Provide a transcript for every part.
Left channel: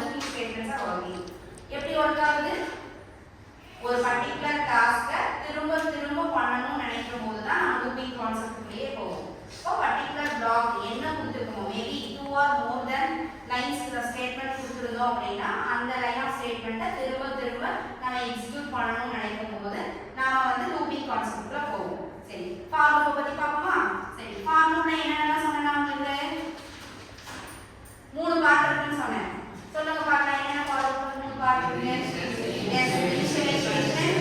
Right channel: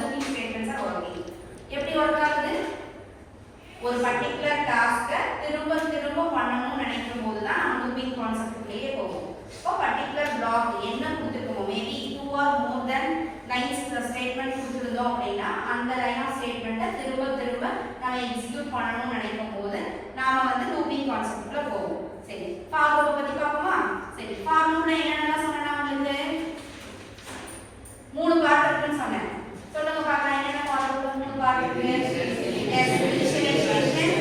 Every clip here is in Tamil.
லூப்பிங் ஸ்டேட்மெண்ட்ஸா ஒர்க்கிங். எப்படி ஒர்க் ஆகுது? ஒரு பர்టిక్యులர் டாஸ்கை திரும்ப திரும்ப பண்ணணும்னு நினைக்கும் போது தான் நம்ம லூப்பிங் கான்செப்ட்லயே போவோம். இப்போ பர்టిక్యులர் பிளாக் என்ன கொடுத்துருக்கோம், maybe 2 or more than lines statement கொடுத்துருந்தோம் அப்படின்னா அந்த லைன் ஆஃப் ஸ்டேட்மெண்ட்டை திரும்ப திரும்ப நம்ம எக்ஸிக்யூட் பண்ணணும்னு நினைக்கும் போது நாம வந்து லூப்பிங் கான்செப்ட்ல போவோம். சரி, ஃபார் லூப் பத்தி பார்ப்போமா? சரி, ஃபார் லூப்ல என்னென்னலாம் சொன்னேன் உங்களுக்கு? 3 பார்ட் இருக்குன்னு சொன்னேன். சொல்லுங்க பார்க்கலாம், என்னென்ன ஃபார் லூப்ல 3 பார்ட் இருக்கு? Yes, initialization,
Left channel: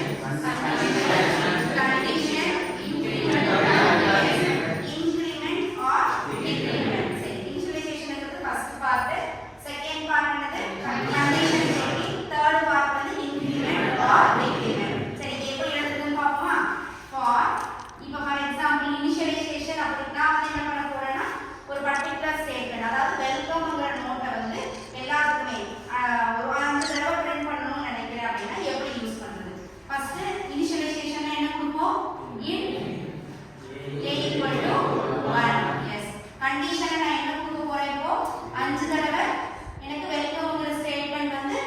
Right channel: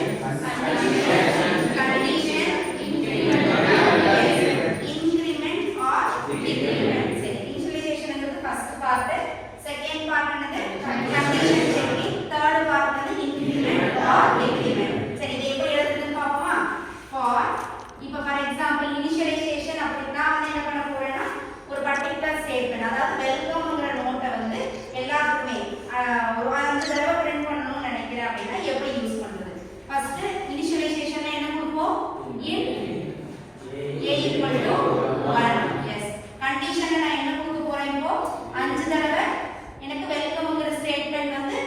condition, increment or decrement. சரி, இனிஷியலைசேஷன்ங்கிறது ஃபர்ஸ்ட் பார்ட், செகண்ட் பார்ட் என்னது? கண்டிஷன் செக்கிங், தேர்ட் பார்ட் வந்து இன்கிரிமெண்ட் ஆர் டிக்ரிமெண்ட். சரி, இது எப்படி எழுதுறதுன்னு பார்ப்போமா? ஃபார் இப்போ ஃபார் எக்ஸாம்பிள் இனிஷியலைசேஷன் அப்படின்னா வந்து என்ன பண்ண போறேன்னா ஒரு பர்టిక్యులர் ஸ்டேட்மெண்ட், அதாவது வெல்கம்ங்கிற நோட்டை வந்து எல்லாத்துக்குமே ஒரு 5 தடவை பிரிண்ட் பண்ணணும்னு நினைக்கிறேன் அப்படின்னா எப்படி யூஸ் பண்றது? ஃபர்ஸ்ட் இனிஷியலைசேஷன்ல என்ன கொடுப்போம்? a equal to 1. எஸ், கண்டிஷன்ல நான் என்ன கொடுக்க போறேன்? இப்போ 5 தடவை எனக்கு வெல்கம்ங்கிற ஸ்டேட்மெண்ட் வந்து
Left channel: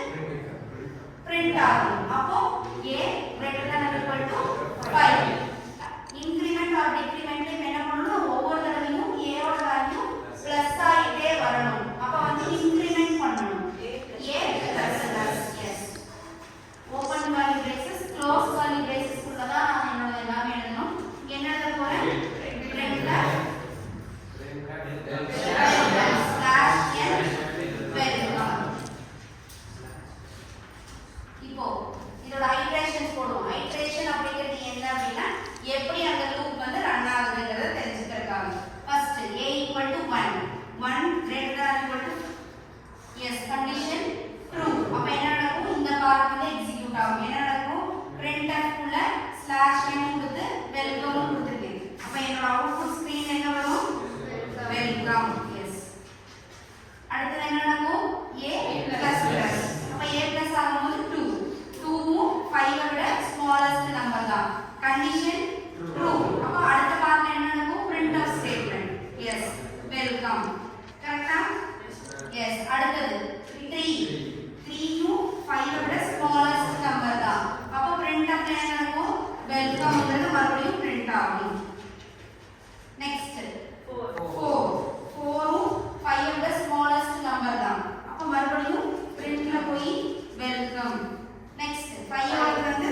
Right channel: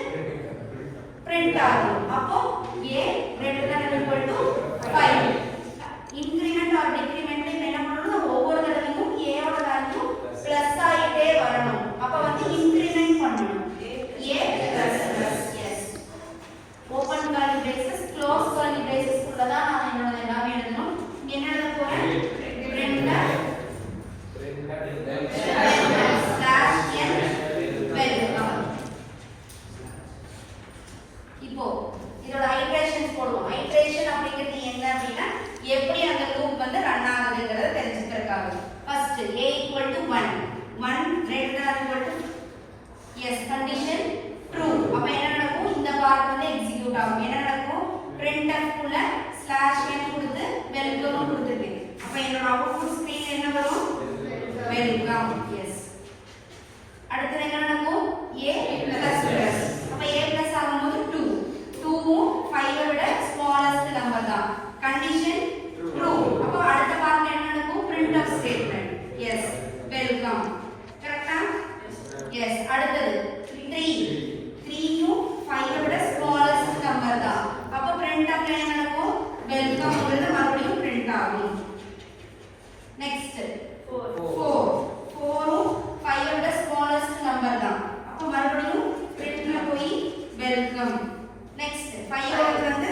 பிரிண்ட் ஆகும். அப்போ a greater than or equal to 5. Increment or decrement என்ன பண்ணனும்? ஒவ்வொரு தடவையும் a ஓட வேல்யூ பிளஸ் ஆயிட்டே வரணும். அப்ப வந்து இன்கிரிமெண்ட் பண்ணனும். a plus plus. Yes, open curly braces close curly braces குள்ள தான் நான் என்னோட எல்லாமே எழுதணும். இங்க என்ன எழுத போறேன்? Print slash n welcome. இப்போ இதோட ஐட்ரேஷன்ஸ் போடுவோம். ஐட்ரேஷன் அப்படிங்கிறது என்ன அப்படின்னா எப்படி அந்த லூப் வந்து ரன் ஆகுதுங்கறத தெரிஞ்சுக்கிறதுக்காக. First a equal to 1 greater than or equal to yes condition true. அப்ப என்ன நடக்கும்? இந்த பார்ட் வந்து எக்ஸிக்யூட் ஆகும். என்ன நடக்கும்? printf குள்ள ஸ்லாஷ் n கொடுத்து வெல்கம் கொடுத்துட்டேன். அப்ப என்னோட அவுட்புட் ஸ்கிரீன் என்ன வரும்? வெல்கம். எஸ், அடுத்து என்ன நடக்கும்? a plus plus. அப்ப a plus ஆகும்போது 2 2 5 விட ஸ்மாலஸ்ட் நம்பர் தான். Condition true. அப்ப அடுத்த பார்ட்ல என்ன நடக்கும்? printf statement. Yes, welcome. கரெக்ட்டா? எஸ், அடுத்தது 3 3யும் 5 விட ஸ்மாலஸ்ட் நம்பர் தான். அப்ப printf என்ன நடக்கும்? வெல்கம்ங்கிறது மறுபடியும் பிரிண்ட் ஆகும். நெக்ஸ்ட் 4ம் 5 விட ஸ்மாலஸ்ட் நம்பர் தான். அப்ப மறுபடியும் printல போய் வெல்கம். நெக்ஸ்ட் 5 ஓட வந்து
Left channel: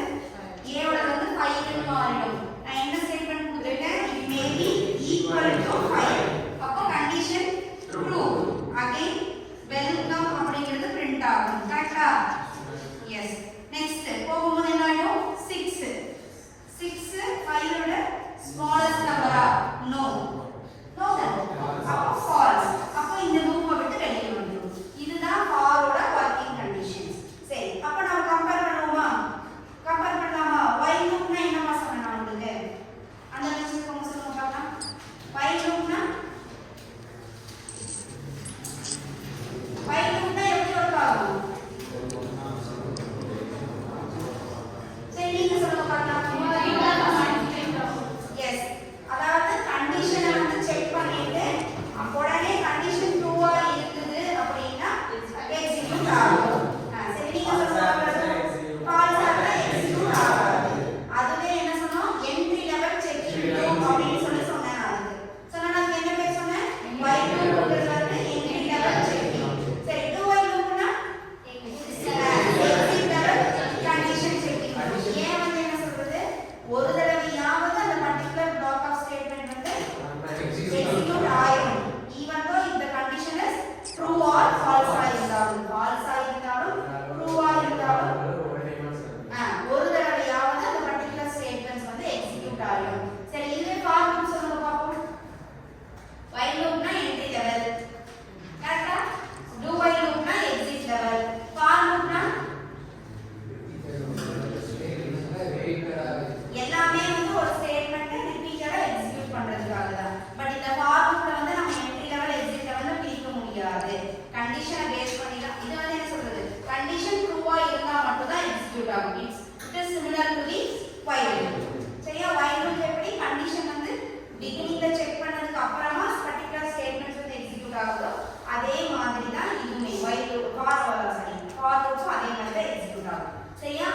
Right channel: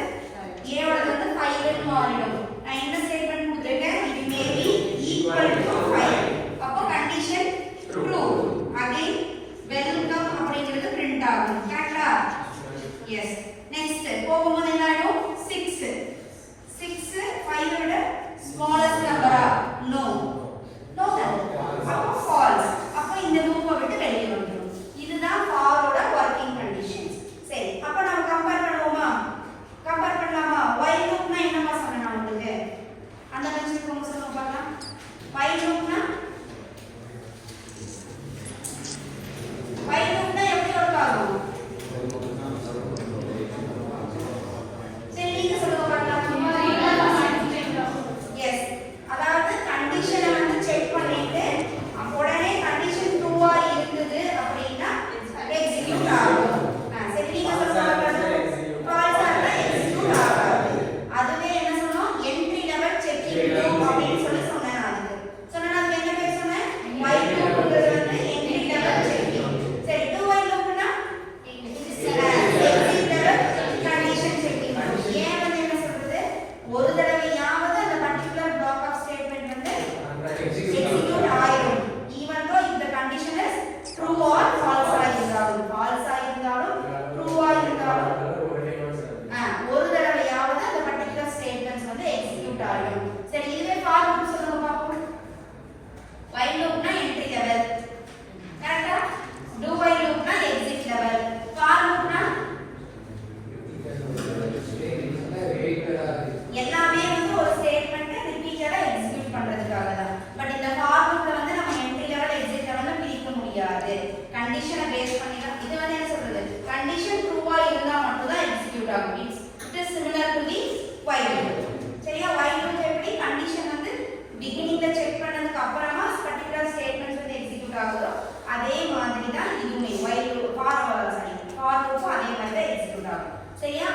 a ஓட வந்து 5 ன்னு மாறிடும். நான் என்ன ஸ்டேட்மெண்ட் கொடுத்திருக்கேன்? it may be equal to 5. அப்போ கண்டிஷன் ட்ரூ. அகைன் வெல்கம் அப்படிங்கிறது பிரிண்ட் ஆகும். கரெக்ட்டா? எஸ். நெக்ஸ்ட் போகும்போது என்ன ஆகும்? 6 5 விட ஸ்மாலஸ்ட் நம்பரா? No no. அப்போ ஃபால்ஸ். அப்போ இந்த லூப்பை விட்டு வெளியே வந்துடும். இதுதான் ஃபாரோட வர்க்கிங் கண்டிஷன்ஸ். சரி, அப்போ நம்ம கம்பேர் பண்ணுவோமா? கம்பேர் பண்ணலாமா? while loopனா என்னமா சொன்னேன் நான் உங்களுக்கு? அந்த கான்செப்ட் கொஞ்சம் சொல்லுங்க பார்க்கலாம். while loopனா எப்படி ஒர்க் ஆகும்? சரி, நீங்க சொல்லுங்க பார்க்கலாம். எஸ், அதாவது கண்டிஷனை வந்து செக் பண்ணிட்டு உடனே கண்டிஷன் ட்ரூவா இருக்குது அப்படின்னா எக்ஸிக்யூட் ஆகும். சரி, நீங்க சொல்லுங்க பார்க்கலாம். ஃபால்ஸ் ஆனா எக்ஸிக்யூட் ஆகாது. அதுவே என்ன சொன்னோம்? என்ட்ரி லெவல் செக்கிங் லூப் அப்படின்னு சொல்லி சொன்னேன் நான். சொன்னா அது என்ன பேர் சொன்னேன்? while loopங்கிறது வந்து என்ட்ரி லெவல் செக்கிங். சரி, do while loopனா எக்ஸிட் லெவல் கண்டிஷன் செக்கிங். ஏன் வந்து என்ன சொல்றது? ஒரு தடவையாவது அந்த பர்టిక్యులர் பிளாக் ஆஃப் ஸ்டேட்மெண்ட் வந்து எக்ஸிக்யூட் ஆயிடும். even though if the condition is true or false ஆயிருந்தாலும் true ஆயிருந்தாலும் ஒரு தடவையாவது அந்த பர்టిక్యులர் ஸ்டேட்மெண்ட்ஸ் வந்து எக்ஸிக்யூட் ஆகும். சரி, இதுவே ஃபார் லூப் சொல்லுங்க பாப்போம். while loopனா என்ட்ரி லெவல். கரெக்ட்டா? do while loopனா எக்ஸிட் லெவல். ஃபார் லூப்னா எல்லாமே வந்து ஒரு ஸ்டேட்மெண்ட்டை ரிப்பீட்டடா எக்ஸிக்யூட் பண்றதுக்காக தான். பட் இந்த ஃபார் லூப்ல வந்து நம்ம என்ட்ரி லெவல் எக்ஸிட் லெவல் பிரிக்க முடியாது. கண்டிஷனை பேஸ் பண்ணி தான் இது வந்து என்ன சொல்றது? கண்டிஷன் ட்ரூவா இருந்தா மட்டும் தான் எக்ஸிக்யூட் ஆகும். It is similar to the while loop. சரியா? while loop எப்படி கண்டிஷன் வந்து பிகினிங்ல செக் பண்ணதுக்கு அப்புறமா பர்టిక్యులர் ஸ்டேட்மெண்ட்ஸ் வந்து எக்ஸிக்யூட் ஆகுதோ அதே மாதிரி தான் இதுமே while loop ஃபார் ஆகும் சரியா